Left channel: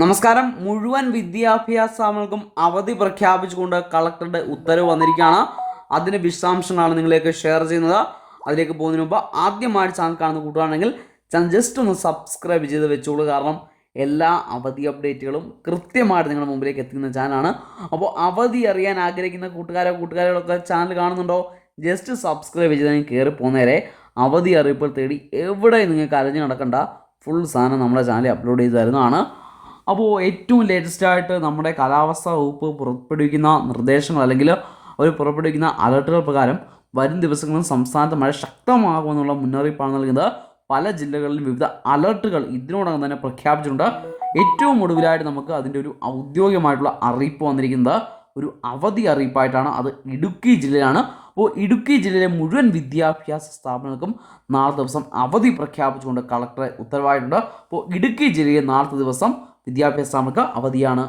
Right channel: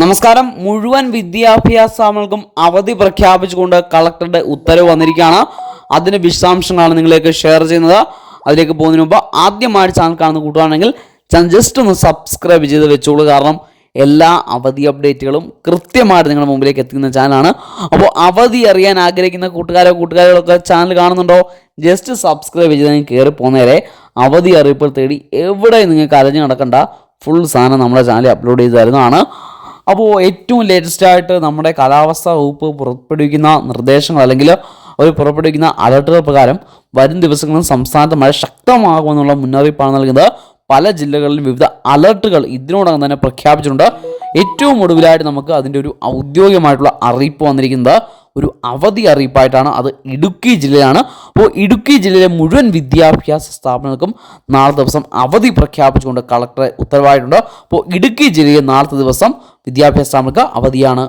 നമസ്കാരം. മുഴുവൻ വിദ്യാഭ്യാസ സ്ഥാപനങ്ങൾക്കും അവധി പ്രഖ്യാപിച്ചുകൊണ്ട് കളക്ടറുടെ ഉത്തരവ് വന്നിരിക്കുകയാണ്. അതിന് വിശദാംശങ്ങളാണ് നിങ്ങളിലേക്ക് ഷെയർ ചെയ്യുന്നത്. അതിലേക്ക് പോകുന്നതിന് മുമ്പ് ആദ്യമായിട്ട് ചാനൽ കാണുന്ന കൂട്ടുകയാണെങ്കിൽ ചാനൽ ജസ്റ്റ് ഒന്ന് സബ്സ്ക്രൈബ് ചെയ്ത് വെച്ചോളൂ. കാരണം എല്ലാ അവധി അപ്ഡേറ്റുകളും കൃത്യമായിട്ട് നിങ്ങളുടെ മുമ്പിലേക്ക് എത്തിക്കുന്ന ചാനലാണ് അപ്പോൾ അവധി അറിയാൻ ആഗ്രഹിക്കുന്ന കൂട്ടുകാരോ കൂട്ടുകാരികളൊക്കെ ചാനൽ കാണുന്നുണ്ടോ? ജസ്റ്റ് സബ്സ്ക്രൈബ് ചെയ്ത് നിങ്ങൾ കയറി പോകുന്നവരെ അവധി അറിയിപ്പോൾ തേടി എവിടെ നിങ്ങൾക്ക് അലഞ്ഞു നടക്കണ്ട. ഫുൾ സാധനം നമ്മുടെ ചാനലിൽ അപ്ലോഡ് ചെയ്ത് തരുന്നതാണ് അപ്പോൾ ഏറ്റവും ലേറ്റസ്റ്റ് ആയിട്ട് നമ്മുടെ കാലാവസ്ഥാ വകുപ്പ് പുറപ്പെടുവിക്കുന്ന നിർദ്ദേശങ്ങൾ അല്ലെങ്കിൽ അവർ പുറപ്പെടുവിക്കുന്ന അലർട്ടുകൾ പ്രകാരം വരും ദിവസങ്ങളിൽ സംസ്ഥാനത്ത് മഴ ശക്തമാകുമെന്നുള്ള മുന്നറിയിപ്പാണ് നൽകുന്നത്. പല ജില്ലകളിലും വിവിധ അലർട്ടുകൾ ഇതിനോടകം തന്നെ പ്രഖ്യാപിച്ചിട്ടുണ്ട്. ഏറ്റവും ഒടുവിലായിട്ട് നമുക്ക് അതിന്റെ ഒരു ഔദ്യോഗികമായിട്ടുള്ള അറിയിപ്പ് വന്നിരിക്കുന്നത് ഒരു അവധി അറിയിപ്പായിട്ടാണ്. അത് ഇടുക്കി ജില്ലയാണ്. അപ്പോൾ ഇടുക്കി ജില്ലയിലെ മുഴുവൻ വിദ്യാഭ്യാസ സ്ഥാപനങ്ങൾക്കും നാളെ ദിവസം അവധി പ്രഖ്യാപിച്ചുകൊണ്ട് കളക്ടറെ ഉത്തരവായിട്ടുണ്ട്. അപ്പോൾ ഇടുക്കി ജില്ലയിൽ നാളത്തെ ദിവസം വിദ്യാഭ്യാസ സ്ഥാപനങ്ങൾക്ക് അവധിയാണ്.